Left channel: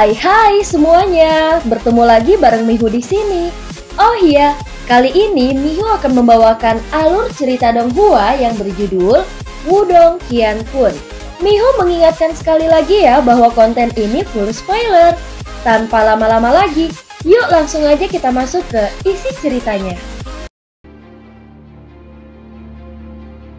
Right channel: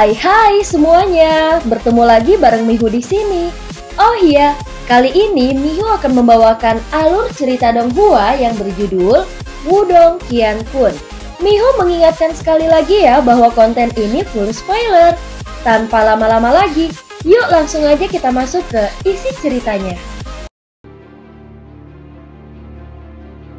Hai semuanya, bertemu lagi bareng Mihu di sini. Oh iya, kali ini Mihu akan membawakan alur cerita Donghua yang berjudul Wudong Qiankun. Mihu mengingatkan sekali lagi ya bahwa konten ini full spoiler. Tanpa lama-lama lagi, yuk langsung aja kita masuk ke isi ceritanya.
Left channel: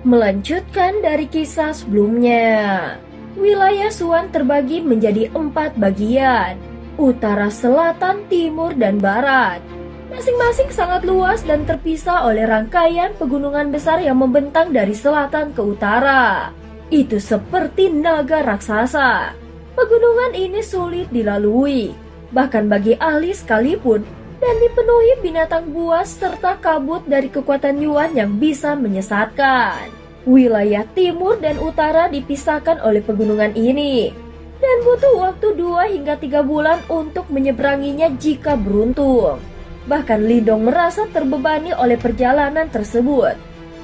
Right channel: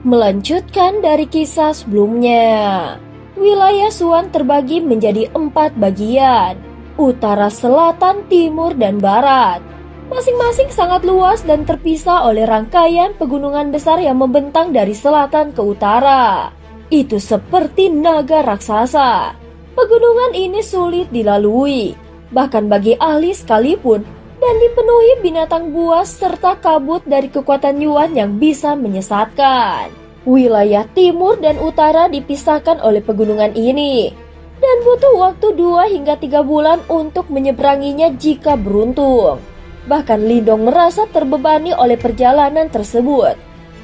Melanjutkan dari kisah sebelumnya. Wilayah Suan terbagi menjadi 4 bagian, utara, selatan, timur, dan barat. Masing-masing sangat luas dan terpisah oleh rangkaian pegunungan besar yang membentang dari selatan ke utara. Itu seperti naga raksasa. Pegunungan ini sulit dilalui, bahkan bagi ahli sekalipun, dan dipenuhi binatang buas serta kabut dari kekuatan Yuan yang bisa menyesatkan. Wilayah timur dan utara dipisahkan oleh pegunungan ini, dan butuh waktu 2 hingga 3 bulan untuk menyeberanginya jika beruntung. Bahkan Lindong merasa terbebani oleh perjalanan tersebut,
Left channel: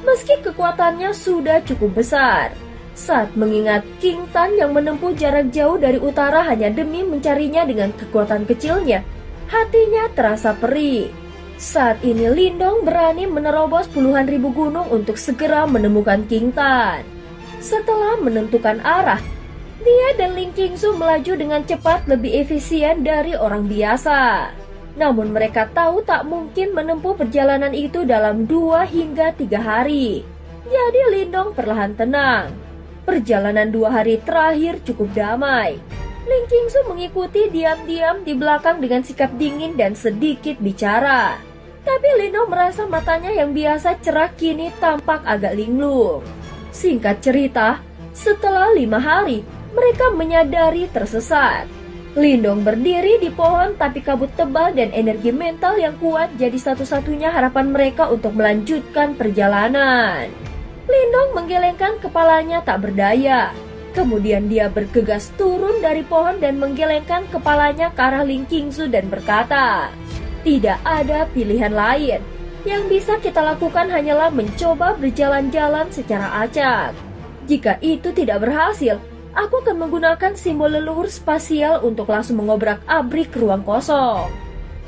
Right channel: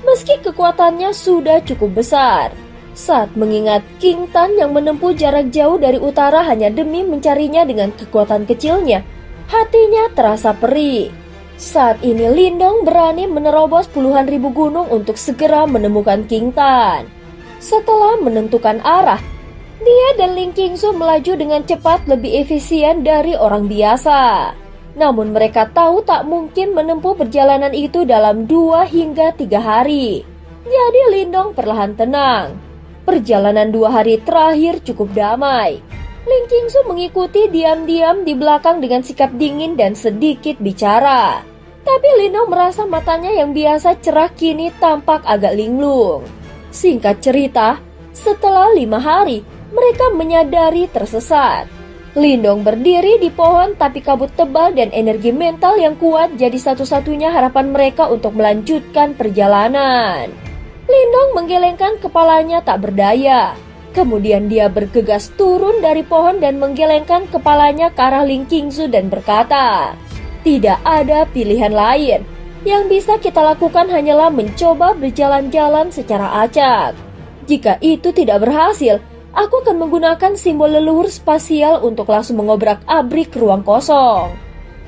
meski kekuatannya sudah cukup besar. Saat mengingat King Tan yang menempuh jarak jauh dari utara hanya demi mencarinya dengan kekuatan kecilnya, hatinya terasa perih. Saat ini Lindong berani menerobos puluhan ribu gunung untuk segera menemukan King Tan. Setelah menentukan arah, dia dan Ling Qingsu melaju dengan cepat lebih efisien dari orang biasa. Namun mereka tahu tak mungkin menempuh perjalanan itu dalam 2 hingga 3 hari. Jadi Lindong perlahan tenang. Perjalanan 2 hari terakhir cukup damai. Ling Qingsu mengikuti diam-diam di belakang dengan sikap dingin dan sedikit bicara. Tapi Lindong merasa matanya yang biasa cerah kini tampak agak linglung. Singkat cerita, setelah 5 hari, mereka menyadari tersesat. Lindong berdiri di pohon tapi kabut tebal dan energi mental yang kuat jadi satu-satunya harapan mereka untuk melanjutkan perjalanan. Lindong menggelengkan kepalanya tak berdaya. Kemudian dia bergegas turun dari pohon dan menggelengkan kepalanya ke arah Ling Qingsu dan berkata, "Tidak ada pilihan lain. Yang bisa kita lakukan hanyalah mencoba berjalan-jalan secara acak. Jika itu tidak berhasil, aku akan menggunakan simbol leluhur spasial untuk langsung mengobrak-abrik ruang kosong.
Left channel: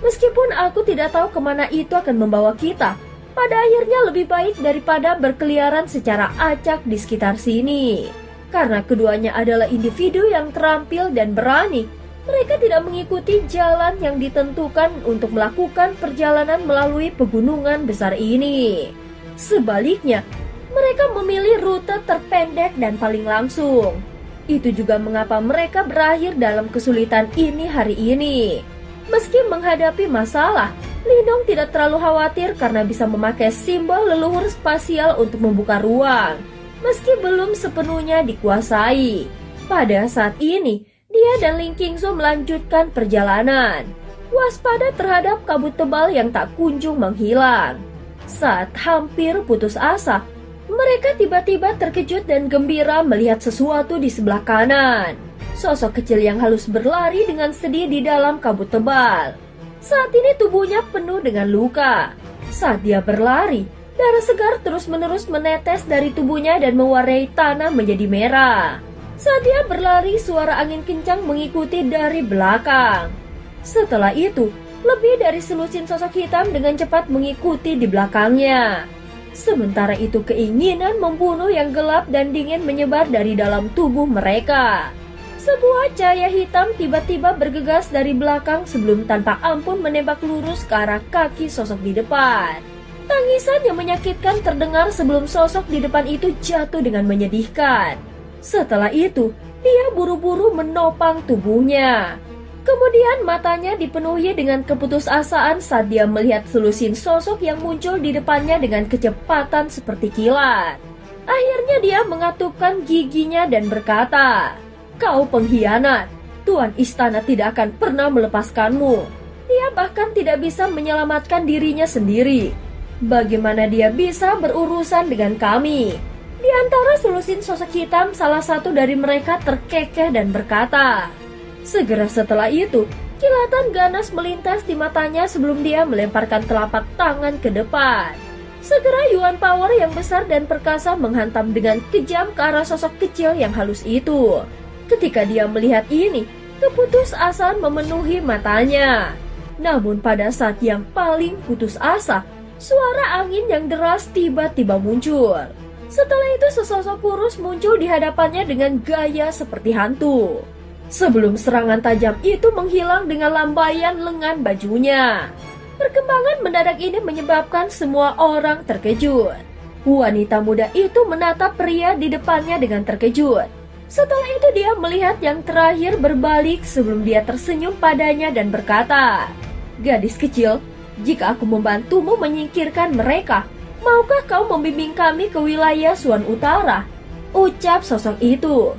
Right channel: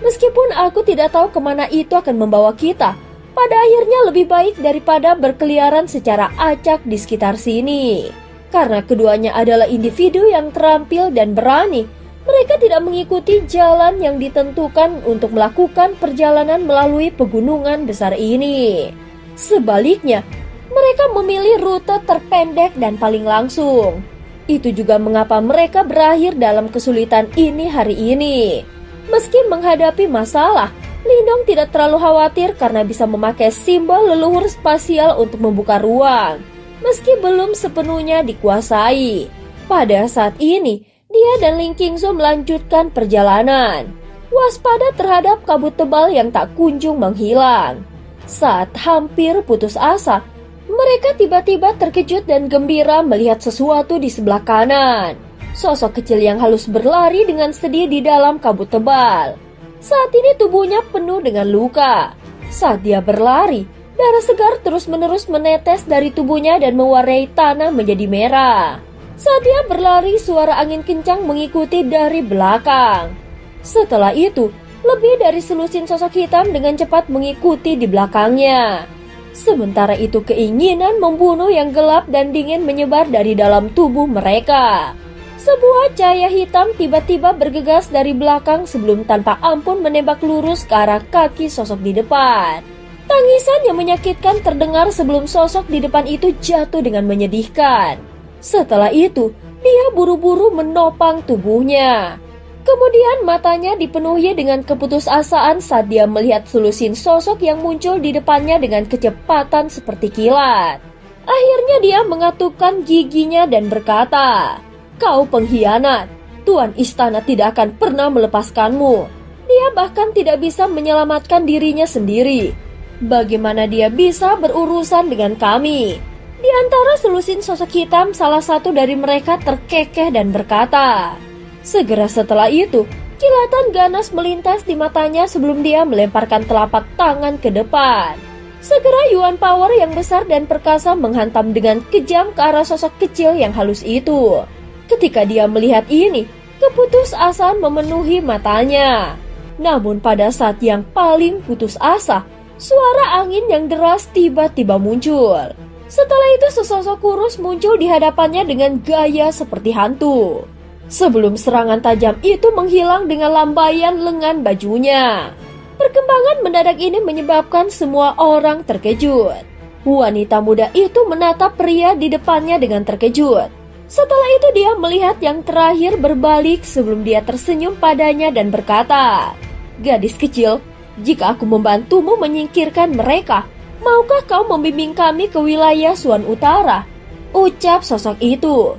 Meskipun aku tidak tahu kemana itu akan membawa kita, pada akhirnya lebih baik daripada berkeliaran secara acak di sekitar sini. Karena keduanya adalah individu yang terampil dan berani, mereka tidak mengikuti jalan yang ditentukan untuk melakukan perjalanan melalui pegunungan besar ini. Sebaliknya, mereka memilih rute terpendek dan paling langsung. Itu juga mengapa mereka berakhir dalam kesulitan ini hari ini. Meski menghadapi masalah, Lindong tidak terlalu khawatir karena bisa memakai simbol leluhur spasial untuk membuka ruang. Meski belum sepenuhnya dikuasai, pada saat ini dia dan Ling Qingsu melanjutkan perjalanan, waspada terhadap kabut tebal yang tak kunjung menghilang. Saat hampir putus asa, mereka tiba-tiba terkejut dan gembira melihat sesuatu di sebelah kanan. Sosok kecil yang halus berlari dengan sedih di dalam kabut tebal. Saat ini tubuhnya penuh dengan luka. Saat dia berlari, darah segar terus-menerus menetes dari tubuhnya dan mewarnai tanah menjadi merah. Saat dia berlari, suara angin kencang mengikuti dari belakang. Setelah itu, lebih dari selusin sosok hitam dengan cepat mengikuti di belakangnya. Sementara itu, keinginan membunuh yang gelap dan dingin menyebar dari dalam tubuh mereka. Sebuah cahaya hitam tiba-tiba bergegas dari belakang sebelum tanpa ampun menembak lurus ke arah kaki sosok di depan. Tangisan yang menyakitkan terdengar sebelum sosok di depan itu jatuh dengan menyedihkan. Setelah itu, dia buru-buru menopang tubuhnya. Kemudian matanya dipenuhi dengan keputusasaan saat dia melihat selusin sosok yang muncul di depannya dengan kecepatan seperti kilat. Akhirnya dia mengatupkan giginya dan berkata, "Kau pengkhianat, Tuan Istana tidak akan pernah melepaskanmu." Dia bahkan tidak bisa menyelamatkan dirinya sendiri. Bagaimana dia bisa berurusan dengan kami? Di antara selusin sosok hitam, salah satu dari mereka terkekeh dan berkata. Segera setelah itu, kilatan ganas melintas di matanya sebelum dia melemparkan telapak tangan ke depan. Segera Yuan Power yang besar dan perkasa menghantam dengan kejam ke arah sosok kecil yang halus itu. Ketika dia melihat ini, Keputusasaan memenuhi matanya. Namun pada saat yang paling putus asa, suara angin yang deras tiba-tiba muncul. Setelah itu sesosok kurus muncul di hadapannya dengan gaya seperti hantu. Sebelum serangan tajam itu menghilang dengan lambaian lengan bajunya. Perkembangan mendadak ini menyebabkan semua orang terkejut. Wanita muda itu menatap pria di depannya dengan terkejut. Setelah itu dia melihat yang terakhir berbalik sebelum dia tersenyum padanya dan berkata, "Gadis kecil, jika aku membantumu menyingkirkan mereka, maukah kau membimbing kami ke wilayah Suan Utara?" Ucap sosok itu.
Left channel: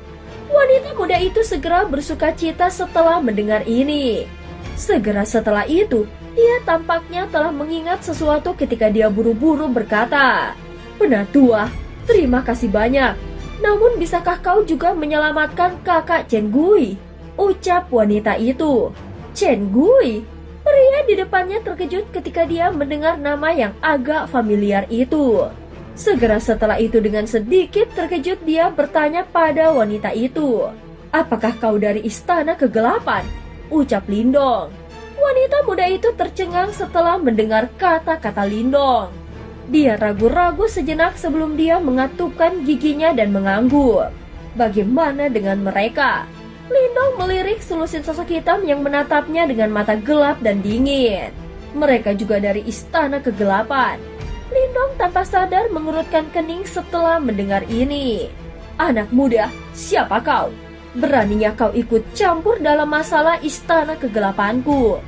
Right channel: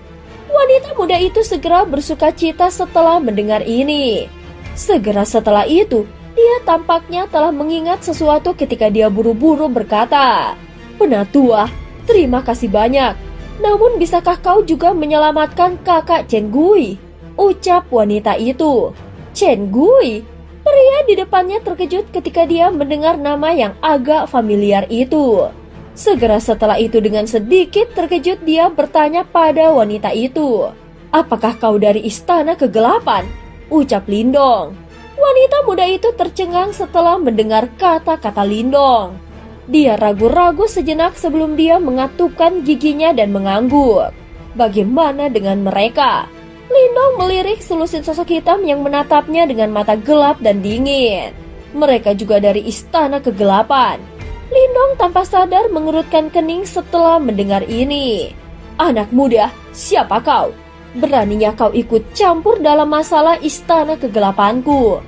Wanita muda itu segera bersukacita setelah mendengar ini. Segera setelah itu, dia tampaknya telah mengingat sesuatu ketika dia buru-buru berkata, "Penatua, terima kasih banyak. Namun bisakah kau juga menyelamatkan kakak Chen Gui?" Ucap wanita itu. Chen Gui? Pria di depannya terkejut ketika dia mendengar nama yang agak familiar itu. Segera setelah itu dengan sedikit terkejut dia bertanya pada wanita itu, "Apakah kau dari Istana Kegelapan?" Ucap Lindong. Wanita muda itu tercengang setelah mendengar kata-kata Lindong. Dia ragu-ragu sejenak sebelum dia mengatupkan giginya dan mengangguk. Bagaimana dengan mereka? Lindong melirik selusin sosok hitam yang menatapnya dengan mata gelap dan dingin. Mereka juga dari Istana Kegelapan. Lindong tanpa sadar mengerutkan kening setelah mendengar ini. "Anak muda, siapa kau? Beraninya kau ikut campur dalam masalah Istana Kegelapanku?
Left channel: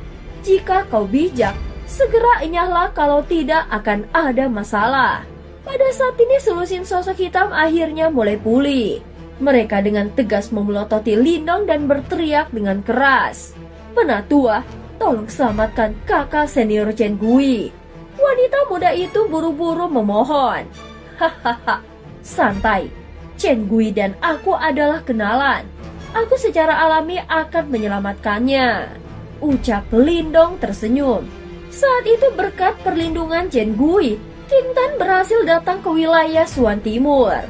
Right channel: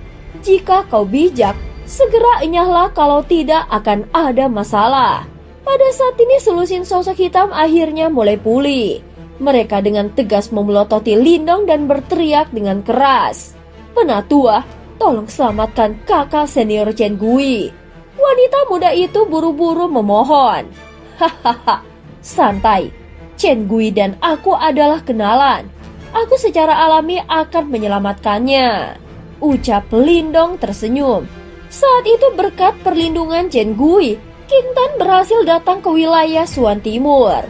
Jika kau bijak, segera enyahlah, kalau tidak akan ada masalah." Pada saat ini selusin sosok hitam akhirnya mulai pulih. Mereka dengan tegas memelototi Lindong dan berteriak dengan keras, "Penatua, tolong selamatkan kakak senior Chen Gui." Wanita muda itu buru-buru memohon, "Hahaha, santai. Chen Gui dan aku adalah kenalan. Aku secara alami akan menyelamatkannya." Ucap Lindong tersenyum. Saat itu berkat perlindungan Chen Gui, King Tan berhasil datang ke wilayah Suan Timur.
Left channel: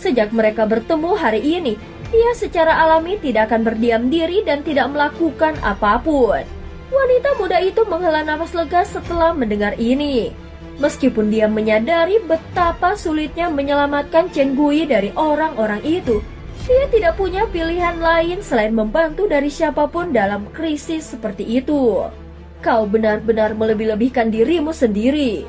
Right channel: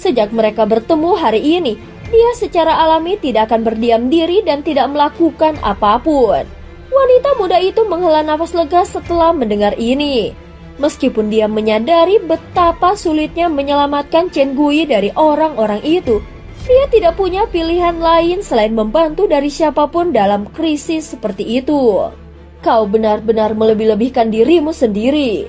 Sejak mereka bertemu hari ini, dia secara alami tidak akan berdiam diri dan tidak melakukan apapun. Wanita muda itu menghela nafas lega setelah mendengar ini. Meskipun dia menyadari betapa sulitnya menyelamatkan Chen Gui dari orang-orang itu, dia tidak punya pilihan lain selain membantu dari siapapun dalam krisis seperti itu. "Kau benar-benar melebih-lebihkan dirimu sendiri.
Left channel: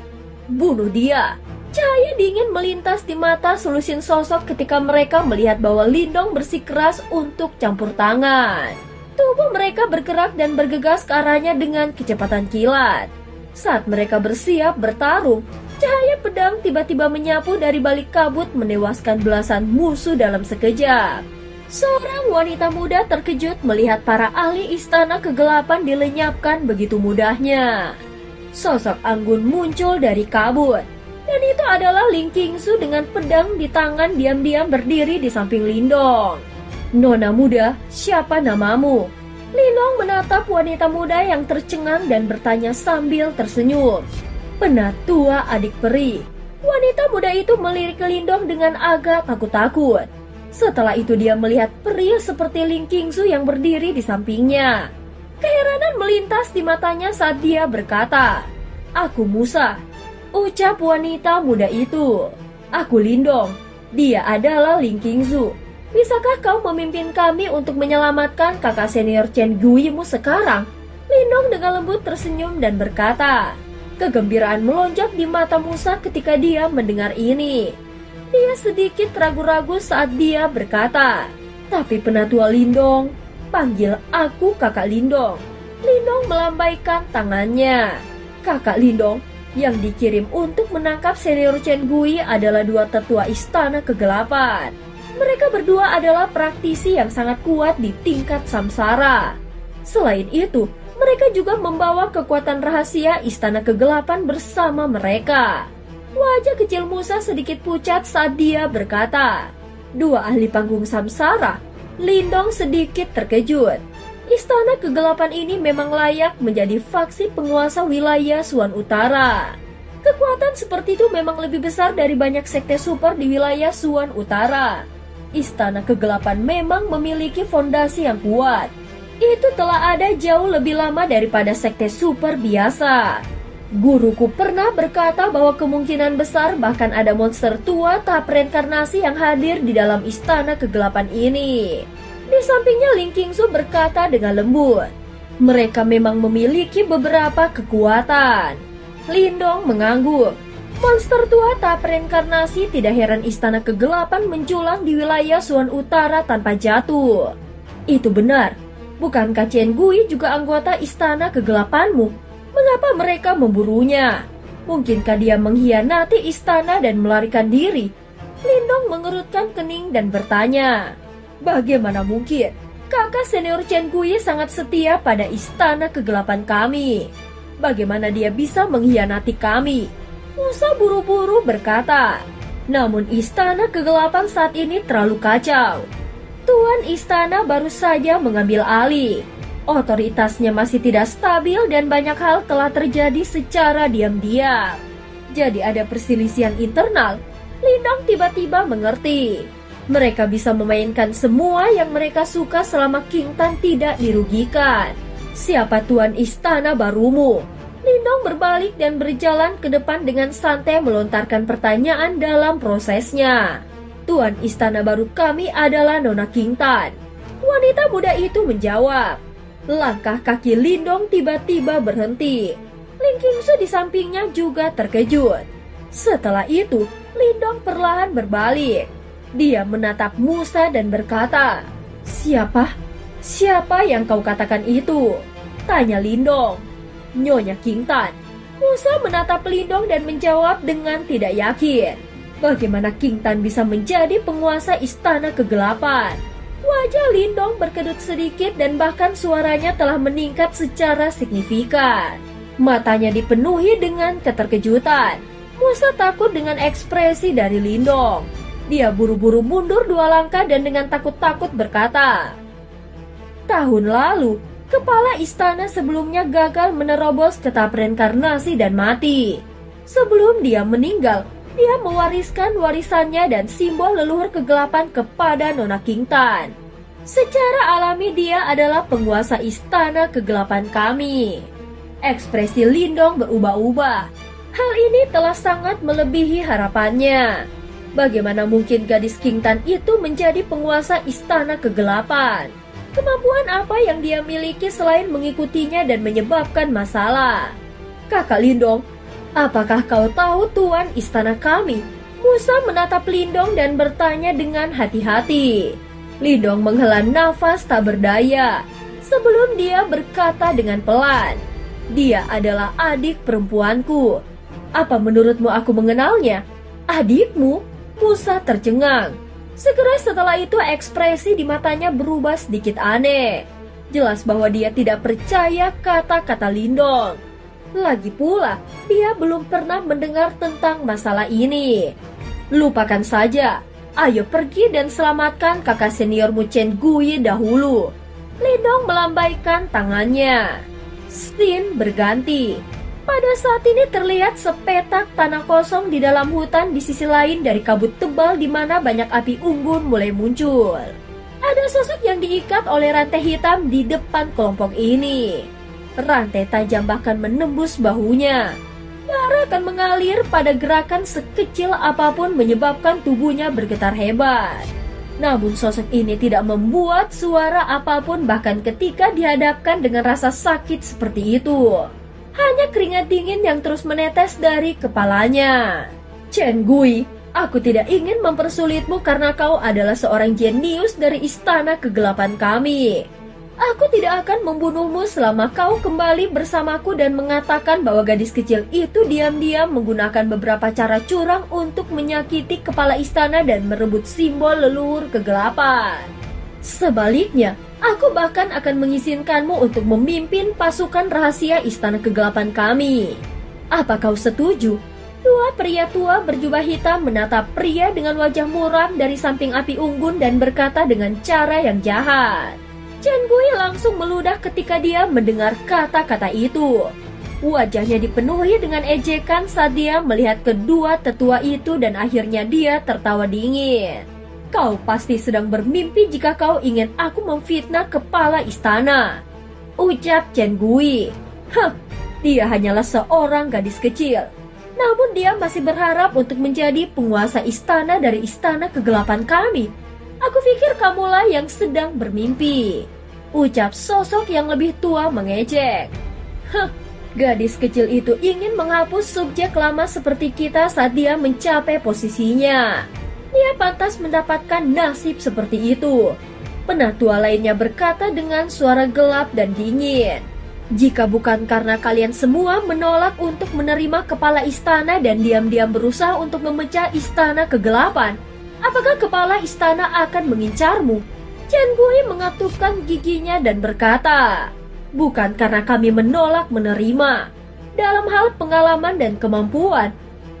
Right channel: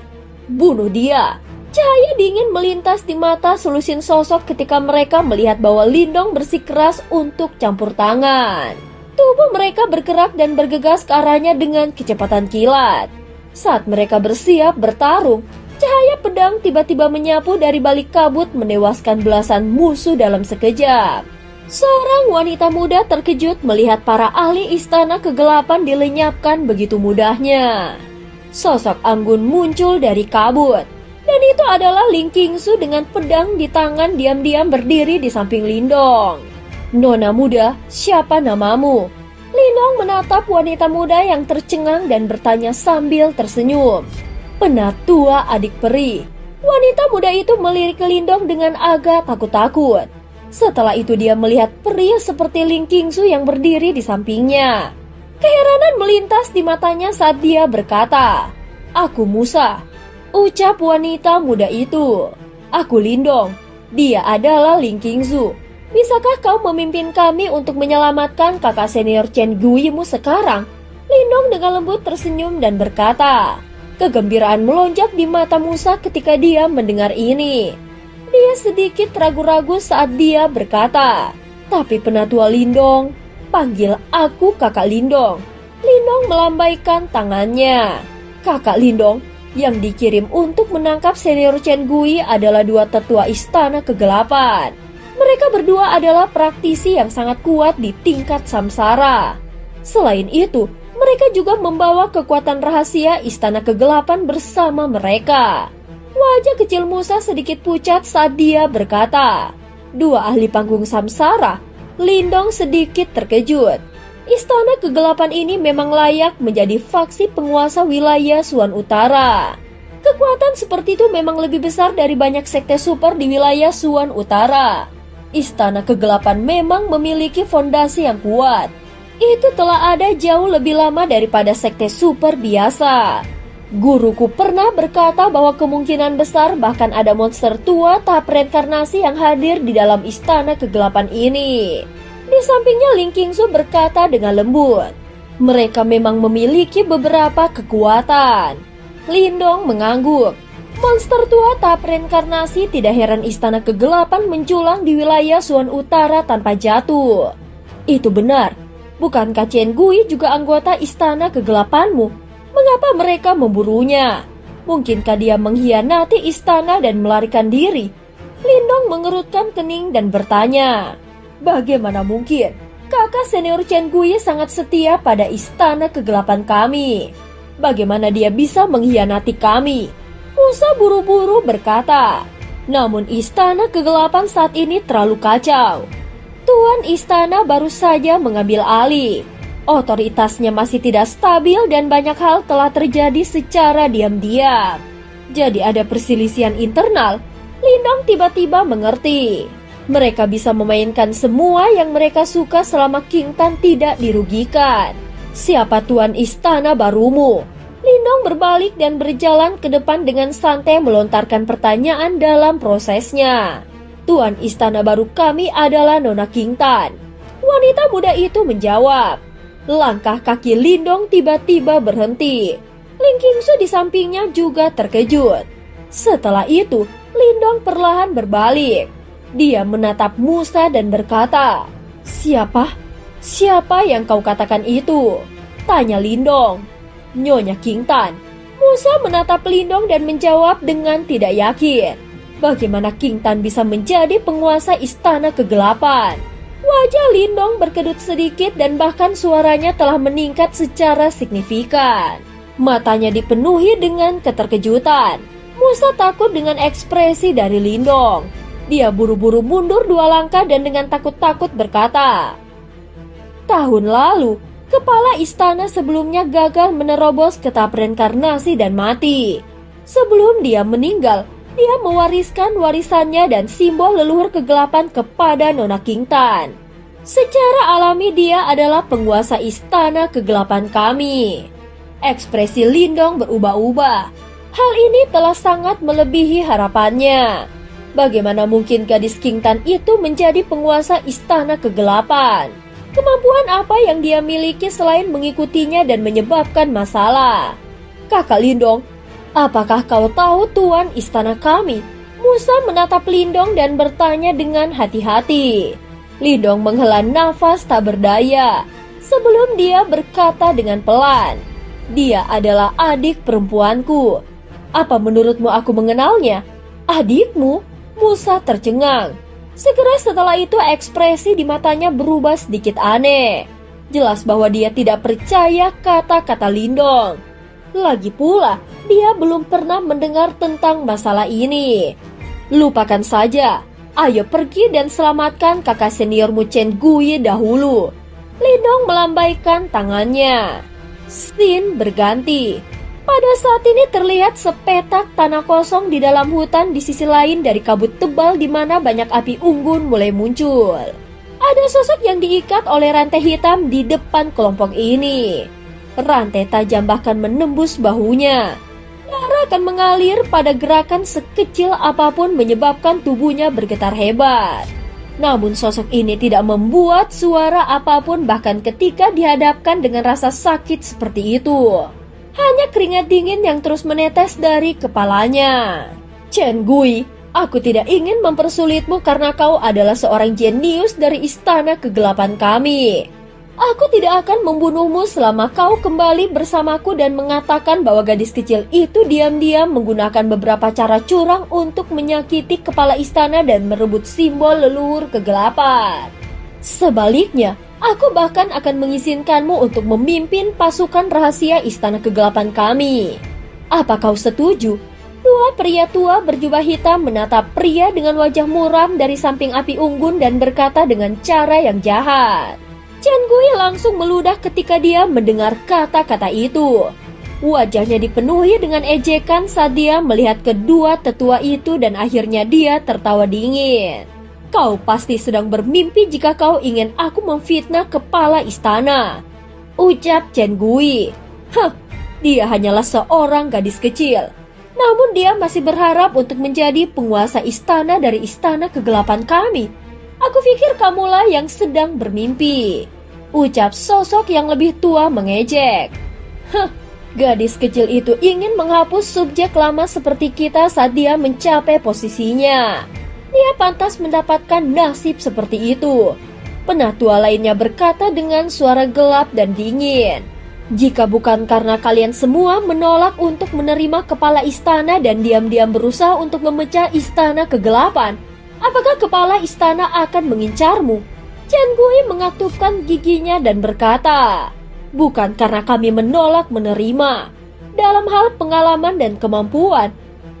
Bunuh dia." Cahaya dingin melintas di mata selusin sosok ketika mereka melihat bahwa Lindong bersikeras untuk campur tangan. Tubuh mereka bergerak dan bergegas ke arahnya dengan kecepatan kilat. Saat mereka bersiap bertarung, cahaya pedang tiba-tiba menyapu dari balik kabut menewaskan belasan musuh dalam sekejap. Seorang wanita muda terkejut melihat para ahli Istana Kegelapan dilenyapkan begitu mudahnya. Sosok anggun muncul dari kabut, dan itu adalah Ling Qingsu dengan pedang di tangan diam-diam berdiri di samping Lindong. "Nona muda, siapa namamu?" Lindong menatap wanita muda yang tercengang dan bertanya sambil tersenyum. "Penatua adik peri." Wanita muda itu melirik ke Lindong dengan agak takut-takut. Setelah itu dia melihat pria seperti Ling Qingsu yang berdiri di sampingnya. Keheranan melintas di matanya saat dia berkata, "Aku Musa." Ucap wanita muda itu. "Aku Lindong. Dia adalah Ling Qingsu. Bisakah kau memimpin kami untuk menyelamatkan kakak senior Chen Gui-mu sekarang?" Lindong dengan lembut tersenyum dan berkata. Kegembiraan melonjak di mata Musa ketika dia mendengar ini. Dia sedikit ragu-ragu saat dia berkata, "Tapi Penatua Lindong, panggil aku kakak Lindong." Lindong melambaikan tangannya. Kakak Lindong, yang dikirim untuk menangkap senior Chen Gui adalah dua tetua Istana Kegelapan. Mereka berdua adalah praktisi yang sangat kuat di tingkat samsara. Selain itu, mereka juga membawa kekuatan rahasia Istana Kegelapan bersama mereka. Wajah kecil Musa sedikit pucat saat dia berkata, "Dua ahli panggung samsara." Lindong sedikit terkejut. Istana Kegelapan ini memang layak menjadi faksi penguasa wilayah Suan Utara. Kekuatan seperti itu memang lebih besar dari banyak sekte super di wilayah Suan Utara. Istana Kegelapan memang memiliki fondasi yang kuat. Itu telah ada jauh lebih lama daripada sekte super biasa. Guruku pernah berkata bahwa kemungkinan besar bahkan ada monster tua tahap reinkarnasi yang hadir di dalam istana kegelapan ini. Di sampingnya Ling Qingsu berkata dengan lembut, mereka memang memiliki beberapa kekuatan. Lindong mengangguk. Monster tua tahap reinkarnasi, tidak heran istana kegelapan menculang di wilayah Suan Utara tanpa jatuh. Itu benar. Bukankah Chen Gui juga anggota istana kegelapanmu? Mengapa mereka memburunya? Mungkinkah dia mengkhianati istana dan melarikan diri? Lindong mengerutkan kening dan bertanya, bagaimana mungkin? Kakak senior Chen Gui sangat setia pada istana kegelapan kami. Bagaimana dia bisa mengkhianati kami? Musa buru-buru berkata, namun istana kegelapan saat ini terlalu kacau. Tuan istana baru saja mengambil alih. Otoritasnya masih tidak stabil dan banyak hal telah terjadi secara diam-diam. Jadi ada perselisihan internal. Lindong tiba-tiba mengerti. Mereka bisa memainkan semua yang mereka suka selama King Tan tidak dirugikan. Siapa tuan istana barumu? Lindong berbalik dan berjalan ke depan dengan santai melontarkan pertanyaan dalam prosesnya. Tuan istana baru kami adalah Nona King Tan. Wanita muda itu menjawab. Langkah kaki Lindong tiba-tiba berhenti. Ling Qingsu di sampingnya juga terkejut. Setelah itu, Lindong perlahan berbalik. Dia menatap Musa dan berkata, siapa? Siapa yang kau katakan itu? Tanya Lindong. Nyonya King Tan. Musa menatap Lindong dan menjawab dengan tidak yakin. Bagaimana King Tan bisa menjadi penguasa istana kegelapan? Wajah Lindong berkedut sedikit dan bahkan suaranya telah meningkat secara signifikan. Matanya dipenuhi dengan keterkejutan. Musa takut dengan ekspresi dari Lindong. Dia buru-buru mundur 2 langkah dan dengan takut-takut berkata, tahun lalu, kepala istana sebelumnya gagal menerobos ke tahap reinkarnasi dan mati. Sebelum dia meninggal, dia mewariskan warisannya dan simbol leluhur kegelapan kepada Nona King Tan. Secara alami dia adalah penguasa istana kegelapan kami. Ekspresi Lindong berubah-ubah. Hal ini telah sangat melebihi harapannya. Bagaimana mungkin gadis King Tan itu menjadi penguasa istana kegelapan? Kemampuan apa yang dia miliki selain mengikutinya dan menyebabkan masalah? Kakak Lindong, apakah kau tahu tuan istana kami? Musa menatap Lindong dan bertanya dengan hati-hati. Lindong menghela nafas tak berdaya sebelum dia berkata dengan pelan, dia adalah adik perempuanku. Apa menurutmu aku mengenalnya? Adikmu? Musa tercengang. Segera setelah itu ekspresi di matanya berubah sedikit aneh. Jelas bahwa dia tidak percaya kata-kata Lindong. Lagi pula, dia belum pernah mendengar tentang masalah ini. Lupakan saja. Ayo pergi dan selamatkan kakak seniormu Chen Gui dahulu. Lindong melambaikan tangannya. Scene berganti. Pada saat ini terlihat sepetak tanah kosong di dalam hutan di sisi lain dari kabut tebal di mana banyak api unggun mulai muncul. Ada sosok yang diikat oleh rantai hitam di depan kelompok ini. Rantai tajam bahkan menembus bahunya. Darah akan mengalir pada gerakan sekecil apapun menyebabkan tubuhnya bergetar hebat. Namun sosok ini tidak membuat suara apapun bahkan ketika dihadapkan dengan rasa sakit seperti itu. Hanya keringat dingin yang terus menetes dari kepalanya. Chen Gui, aku tidak ingin mempersulitmu karena kau adalah seorang jenius dari istana kegelapan kami. Aku tidak akan membunuhmu selama kau kembali bersamaku dan mengatakan bahwa gadis kecil itu diam-diam menggunakan beberapa cara curang untuk menyakiti kepala istana dan merebut simbol leluhur kegelapan. Sebaliknya, aku bahkan akan mengizinkanmu untuk memimpin pasukan rahasia istana kegelapan kami. Apa kau setuju? Dua pria tua berjubah hitam menatap pria dengan wajah muram dari samping api unggun dan berkata dengan cara yang jahat. Chen Gui langsung meludah ketika dia mendengar kata-kata itu. Wajahnya dipenuhi dengan ejekan saat dia melihat kedua tetua itu dan akhirnya dia tertawa dingin. Kau pasti sedang bermimpi jika kau ingin aku memfitnah kepala istana, ucap Chen Gui. Dia hanyalah seorang gadis kecil. Namun dia masih berharap untuk menjadi penguasa istana dari istana kegelapan kami. Aku pikir kamulah yang sedang bermimpi, ucap sosok yang lebih tua mengejek. Gadis kecil itu ingin menghapus subjek lama seperti kita saat dia mencapai posisinya. Dia pantas mendapatkan nasib seperti itu. Penatua lainnya berkata dengan suara gelap dan dingin. Jika bukan karena kalian semua menolak untuk menerima kepala istana dan diam-diam berusaha untuk memecah istana kegelapan, apakah kepala istana akan mengincarmu? Chen Gui mengatupkan giginya dan berkata, bukan karena kami menolak menerima. Dalam hal pengalaman dan kemampuan,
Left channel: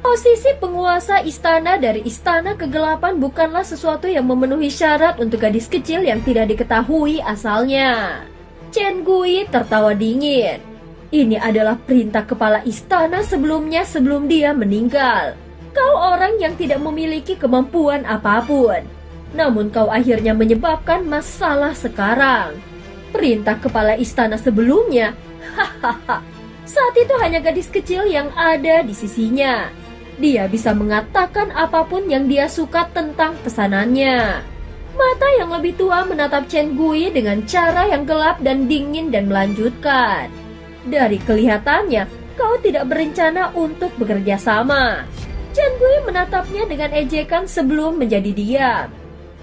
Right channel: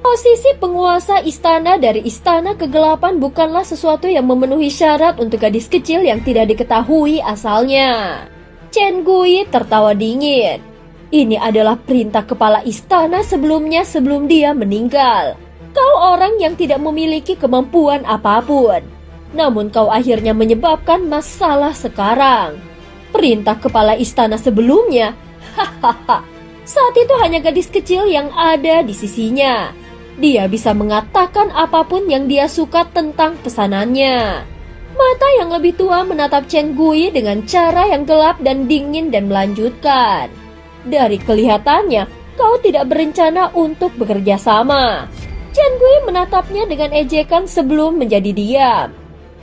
posisi penguasa istana dari istana kegelapan bukanlah sesuatu yang memenuhi syarat untuk gadis kecil yang tidak diketahui asalnya. Chen Gui tertawa dingin. Ini adalah perintah kepala istana sebelumnya sebelum dia meninggal. Kau orang yang tidak memiliki kemampuan apapun. Namun kau akhirnya menyebabkan masalah sekarang. Perintah kepala istana sebelumnya, saat itu hanya gadis kecil yang ada di sisinya. Dia bisa mengatakan apapun yang dia suka tentang pesanannya. Mata yang lebih tua menatap Chen Gui dengan cara yang gelap dan dingin dan melanjutkan. Dari kelihatannya, kau tidak berencana untuk bekerja sama. Chen Gui menatapnya dengan ejekan sebelum menjadi diam.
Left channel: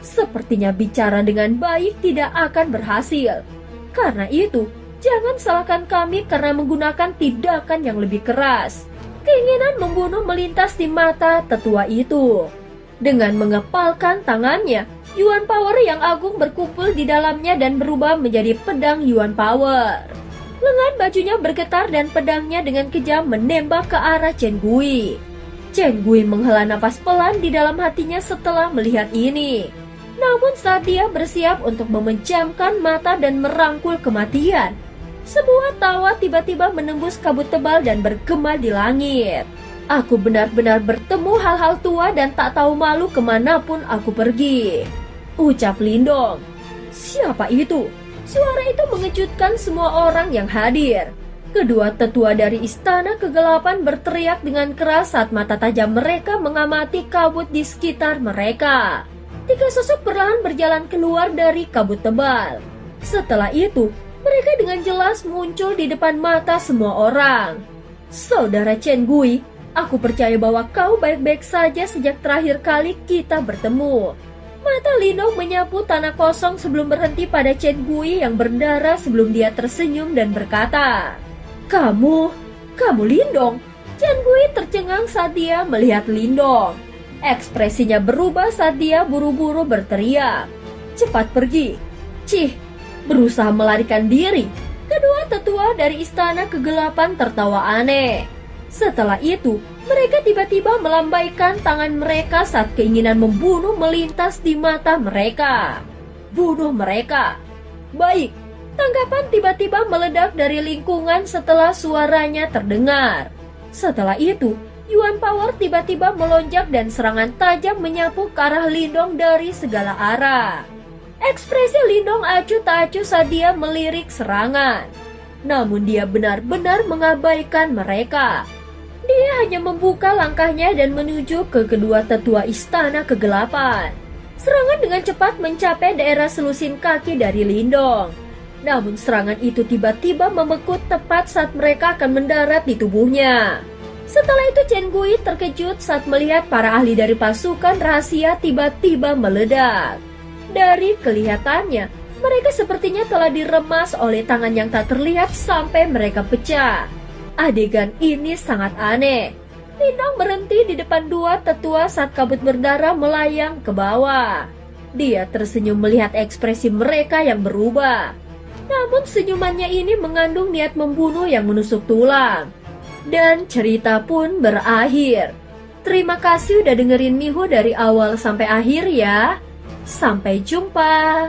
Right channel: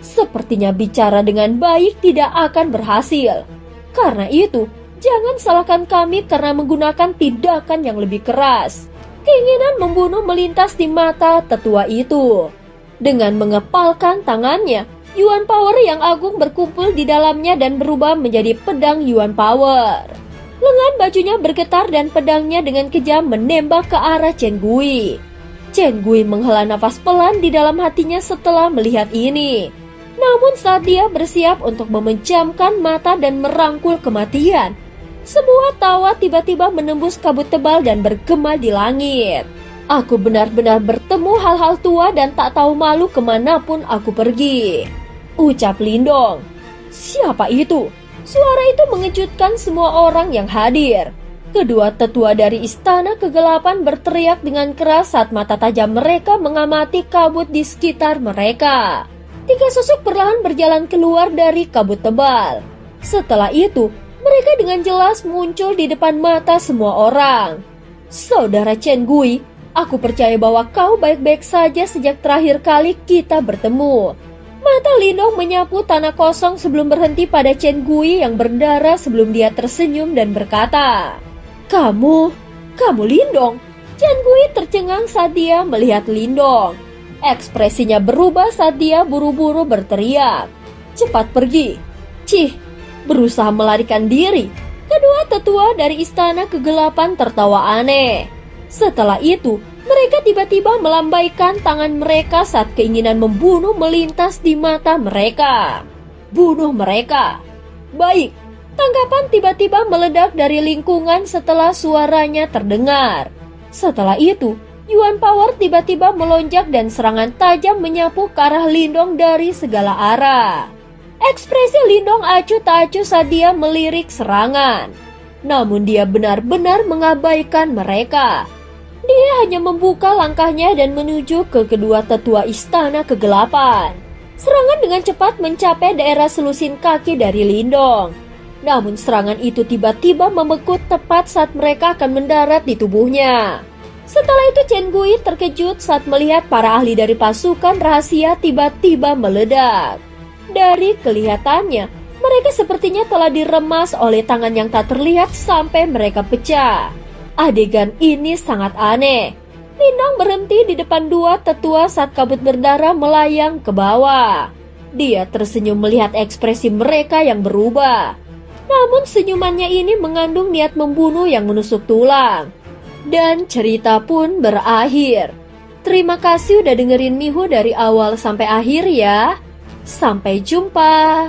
Sepertinya bicara dengan baik tidak akan berhasil. Karena itu, jangan salahkan kami karena menggunakan tindakan yang lebih keras. Keinginan membunuh melintas di mata tetua itu. Dengan mengepalkan tangannya, Yuan Power yang agung berkumpul di dalamnya dan berubah menjadi pedang Yuan Power. Lengan bajunya bergetar dan pedangnya dengan kejam menembak ke arah Chen Gui. Chen Gui menghela nafas pelan di dalam hatinya setelah melihat ini. Namun saat dia bersiap untuk memejamkan mata dan merangkul kematian, sebuah tawa tiba-tiba menembus kabut tebal dan bergema di langit. Aku benar-benar bertemu hal-hal tua dan tak tahu malu kemanapun aku pergi, ucap Lindong. Siapa itu? Suara itu mengejutkan semua orang yang hadir. Kedua tetua dari istana kegelapan berteriak dengan keras saat mata tajam mereka mengamati kabut di sekitar mereka. 3 sosok perlahan berjalan keluar dari kabut tebal. Setelah itu, mereka dengan jelas muncul di depan mata semua orang. Saudara Chen Gui, aku percaya bahwa kau baik-baik saja sejak terakhir kali kita bertemu. Mata Lindong menyapu tanah kosong sebelum berhenti pada Chen Gui yang berdarah sebelum dia tersenyum dan berkata, Kamu Lindong. Chen Gui tercengang saat dia melihat Lindong. Ekspresinya berubah saat dia buru-buru berteriak, cepat pergi. Cih, berusaha melarikan diri. Kedua tetua dari istana kegelapan tertawa aneh. Setelah itu, mereka tiba-tiba melambaikan tangan mereka saat keinginan membunuh melintas di mata mereka. Bunuh mereka. Baik, tanggapan tiba-tiba meledak dari lingkungan setelah suaranya terdengar. Setelah itu, Yuan Power tiba-tiba melonjak dan serangan tajam menyapu ke arah Lindong dari segala arah. Ekspresi Lindong acuh tak acuh saat dia melirik serangan. Namun dia benar-benar mengabaikan mereka. Dia hanya membuka langkahnya dan menuju ke kedua tetua istana kegelapan. Serangan dengan cepat mencapai daerah selusin kaki dari Lindong. Namun serangan itu tiba-tiba memekut tepat saat mereka akan mendarat di tubuhnya. Setelah itu Chen Gui terkejut saat melihat para ahli dari pasukan rahasia tiba-tiba meledak. Dari kelihatannya, mereka sepertinya telah diremas oleh tangan yang tak terlihat sampai mereka pecah. Adegan ini sangat aneh. Lindong berhenti di depan dua tetua saat kabut berdarah melayang ke bawah. Dia tersenyum melihat ekspresi mereka yang berubah. Namun senyumannya ini mengandung niat membunuh yang menusuk tulang. Dan cerita pun berakhir. Terima kasih udah dengerin Miho dari awal sampai akhir ya. Sampai jumpa.